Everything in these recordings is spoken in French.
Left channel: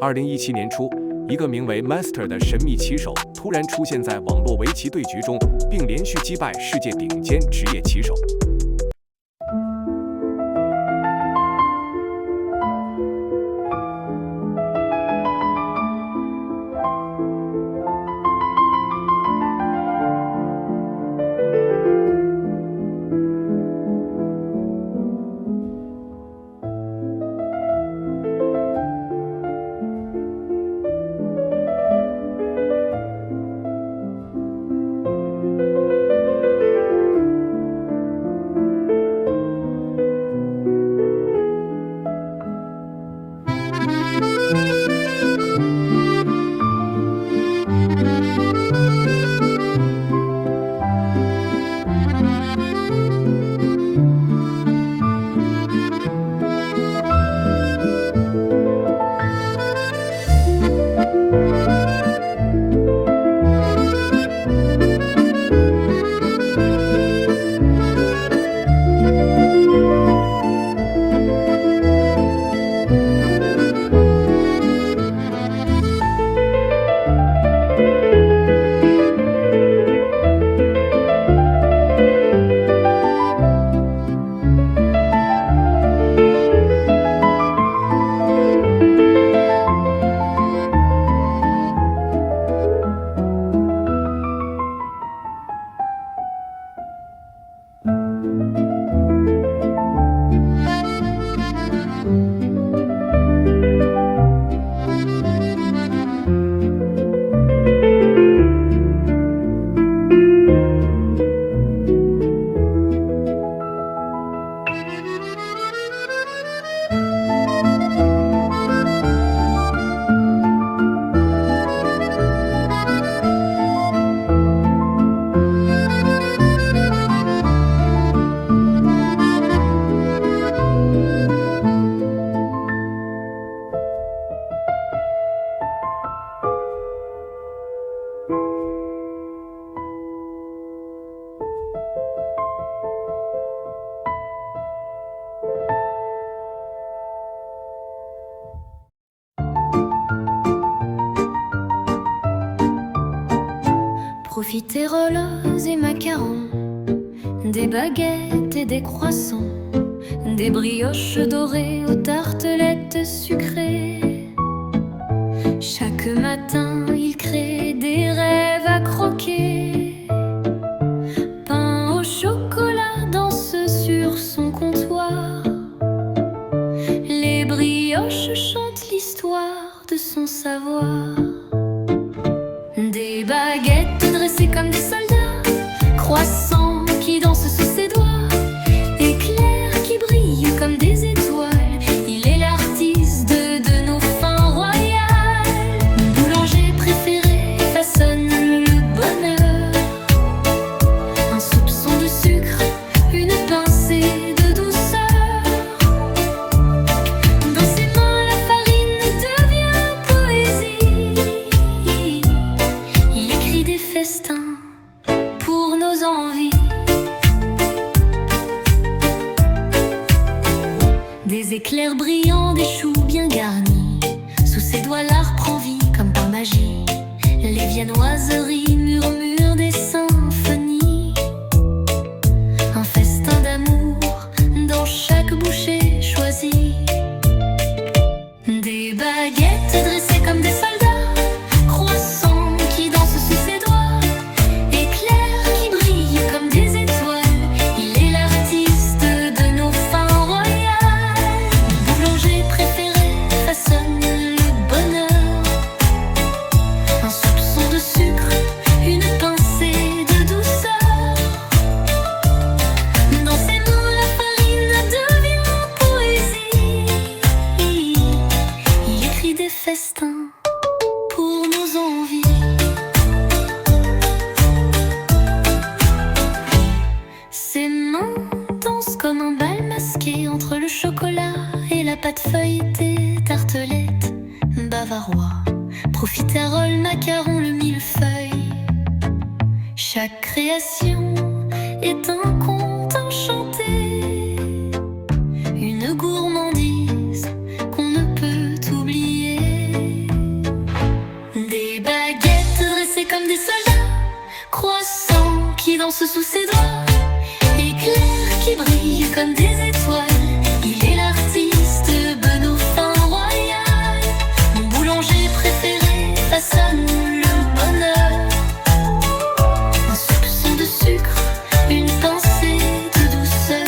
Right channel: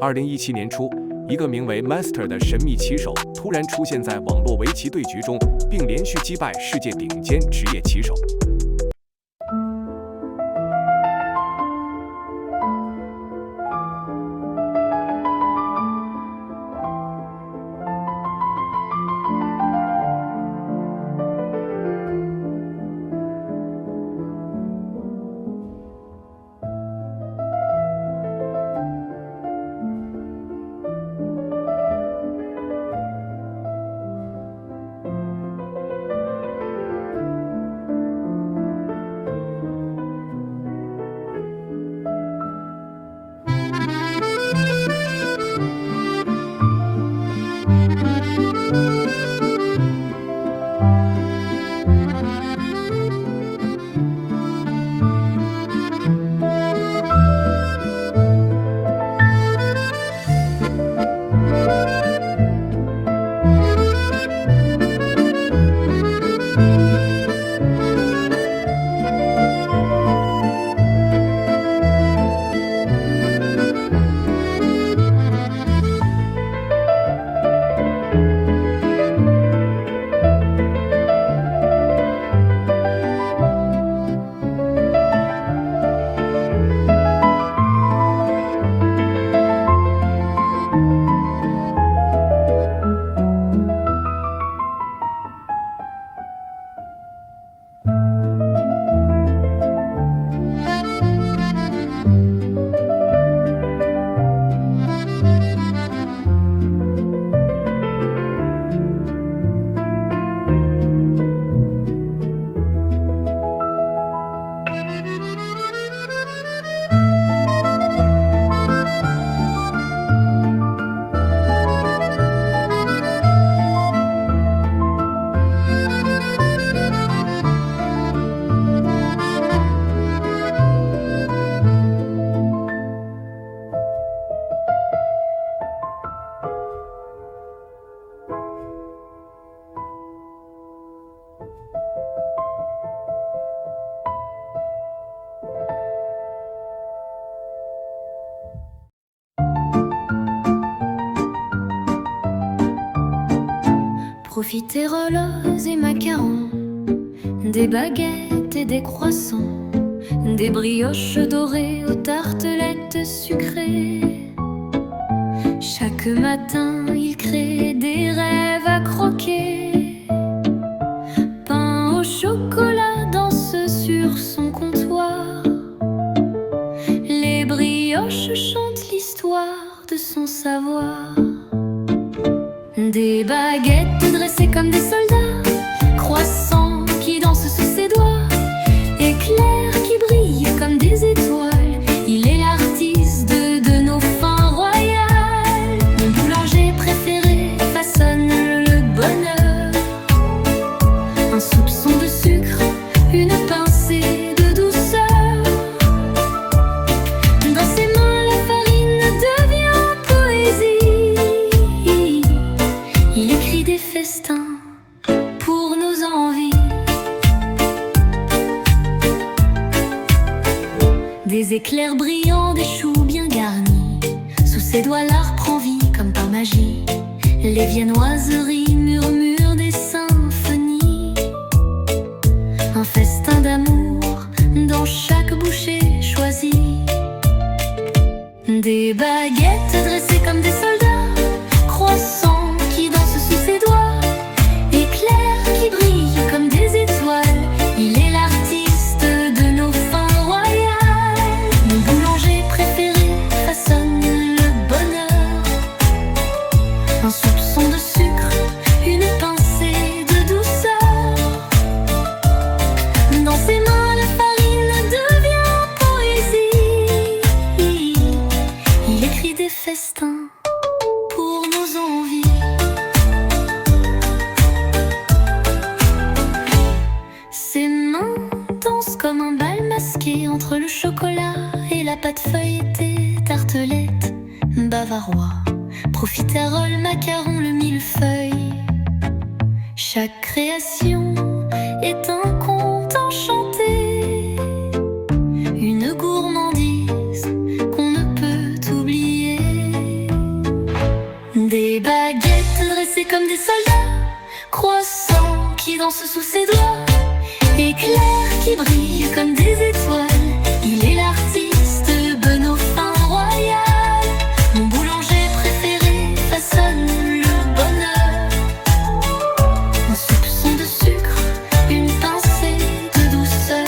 2017年初，一个名为 Master 的神秘棋手突然出现在网络围棋对局中，并连续击败世界顶尖职业棋手。Profiteroles et macarons, des baguettes et des croissants, des brioches dorées aux tartelettes sucrées. Chaque matin, il crée des rêves à croquer. Pain au chocolat danse sur son comptoir. Les brioches chantent l'histoire de son savoir. Des baguettes dressées comme des soldats, croissants qui dansent sous ses doigts, éclairs qui brillent comme des étoiles. Il est l'artiste de nos fins royales. Mon boulanger préféré façonne le bonheur. Un soupçon de sucre, une pincée de douceur. Dans ses mains la farine devient poésie. Il écrit des festins pour nos envies. Des éclairs brillants, des choux bien garnis. Sous ses doigts l'art prend vie comme par magie. Les viennoiseries murmurent des symphonies. Un festin d'amour dans chaque bouchée choisie. Des baguettes dressées comme des soldats, croissants qui dansent sous ses doigts, éclairs qui brillent comme des étoiles. Il est l'artiste de nos fins royales. Mon boulanger préféré façonne le bonheur. Un soupçon de sucre, une pincée de douceur. Dans ses mains la farine devient poésie. Il écrit des festins pour nos envies. Ses mains dansent comme un bal masqué entre le chocolat et la pâte feuilletée. Tartelette, bavarois, profiterole, macaron, le millefeuille. Chaque création est un conte enchanté, une gourmandise qu'on ne peut oublier. dressés comme des soldats, croissants qui dansent sous ses doigts, éclairs qui brillent comme des étoiles. Il est l'artiste Benoît Fin Royal. Mon boulanger préféré façonne le bonheur. Un soupçon de sucre, une pincée de douceur.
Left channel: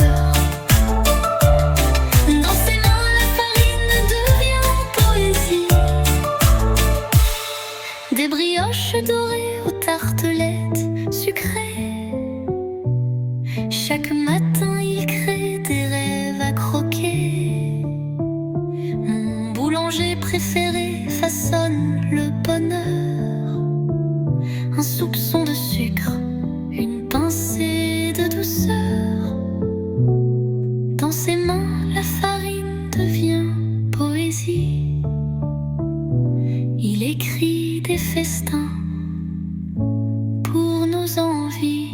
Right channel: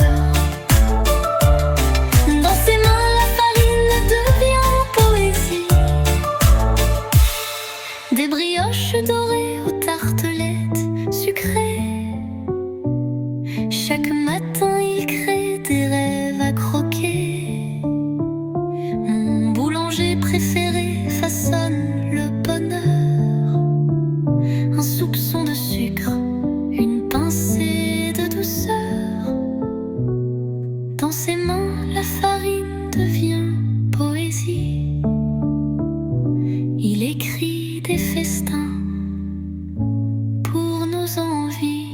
Dans ses mains, la farine devient poésie. Des brioches dorées aux tartelettes sucrées. Chaque matin, il crée des rêves à croquer. Mon boulanger préféré façonne le bonheur. Un soupçon de sucre, une pincée de douceur. Dans ses mains, la farine devient poésie. Il écrit des festins pour nos envies.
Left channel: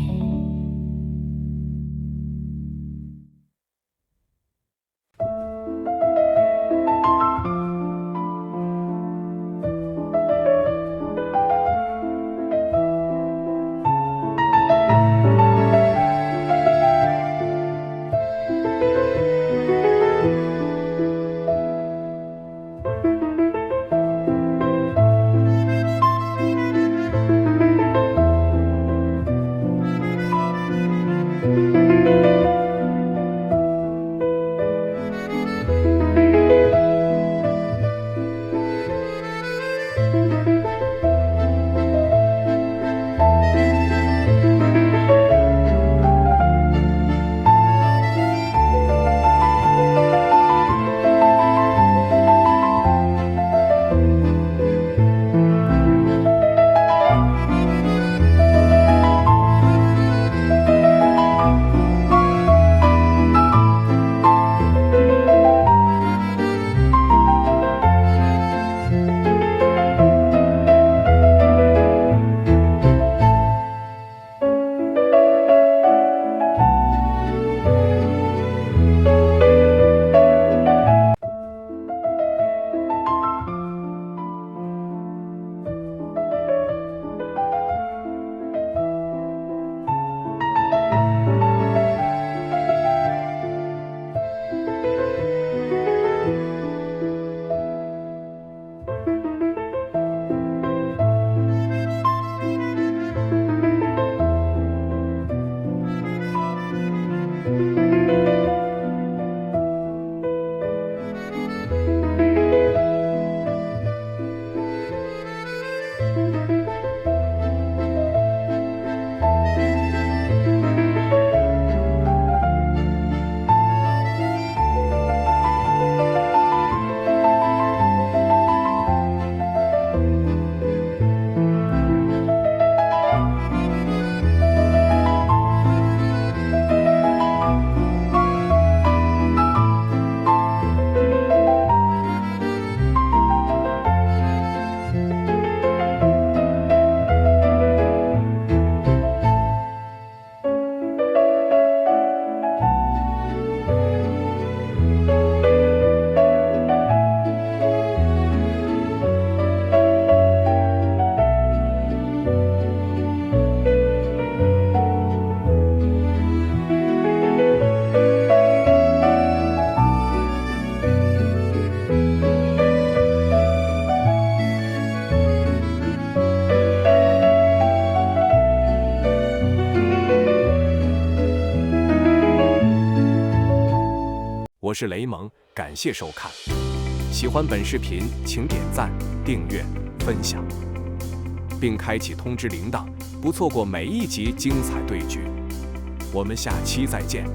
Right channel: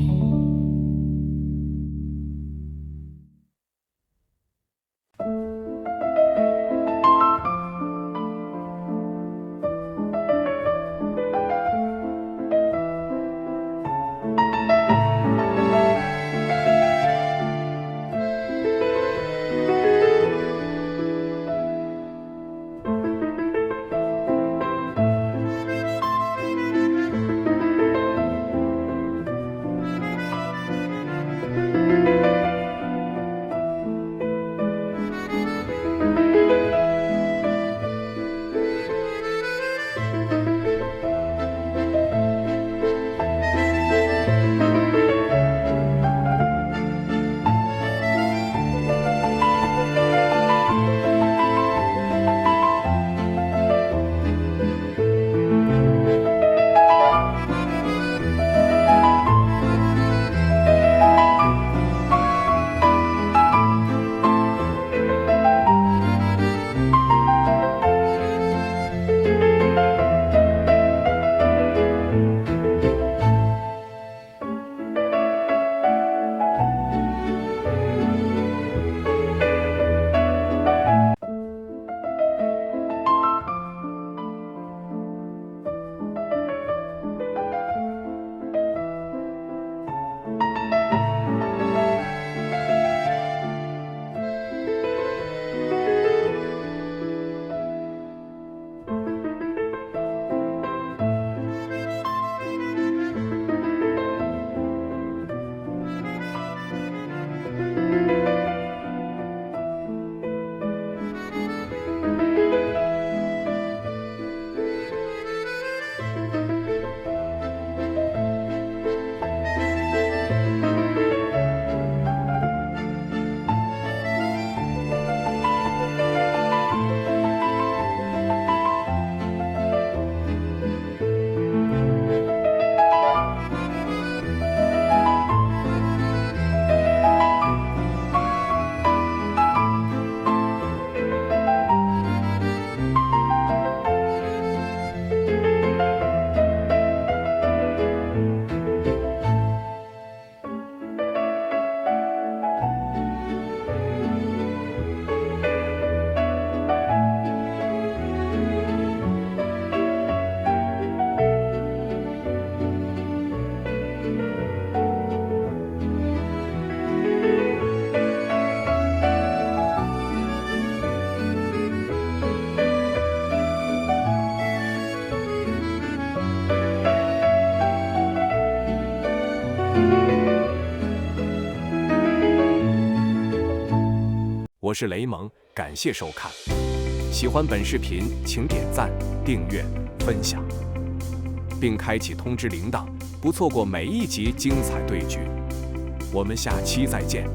我是雷蒙，感谢收看。喜欢本视频，请点赞、订阅、分享，并开启通知铃铛，不错过每一集精彩对局。我们下期再见。